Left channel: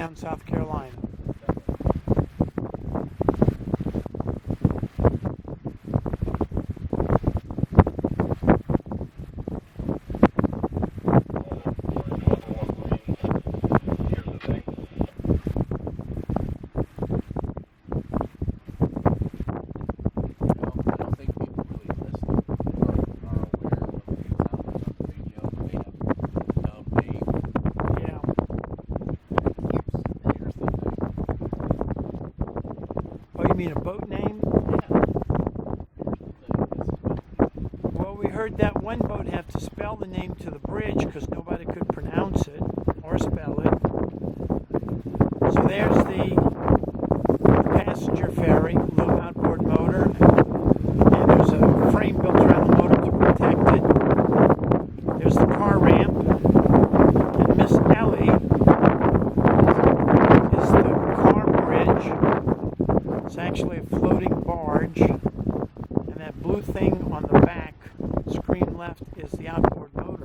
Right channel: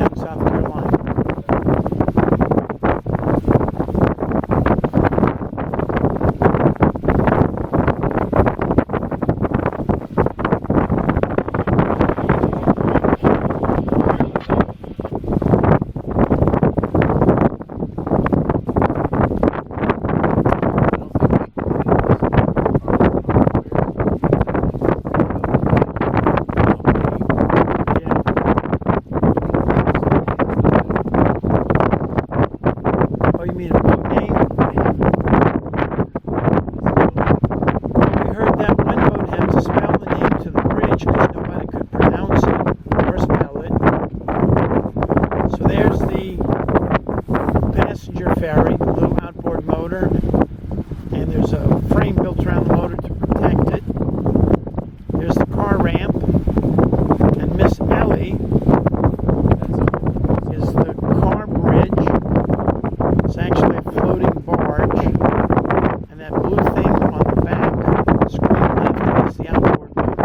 Boatham, South Carolina. Oh, you mean a boat name? Well, we heard that one boat had to spell the name to the bridge because nobody could pronounce it or spell it. So there's the passenger ferry, little outboard motor, and there's a frame built around the motor to protect it. There's the car ramp, and Miss Ellie is the car bridge. It's actually a floating barge, and that blue thing on the back, screen left, is the outboard motor.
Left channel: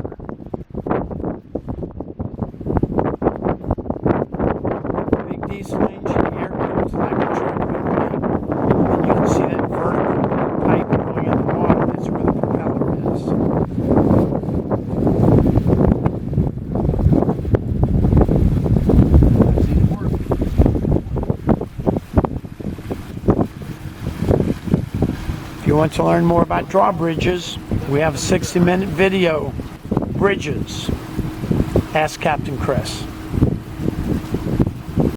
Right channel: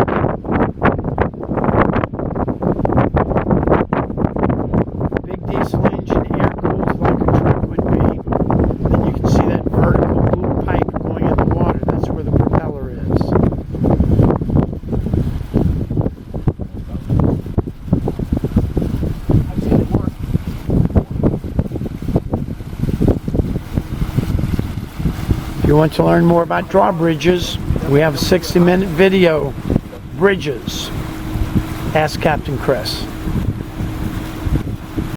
Big diesel engine, air cooled like a truck would be, and you can see that vertical blue pipe going in the water. That's where the propeller is. If you want to learn more about drawbridges, we have a 60-minute video, Bridges. Ask Captain Chris.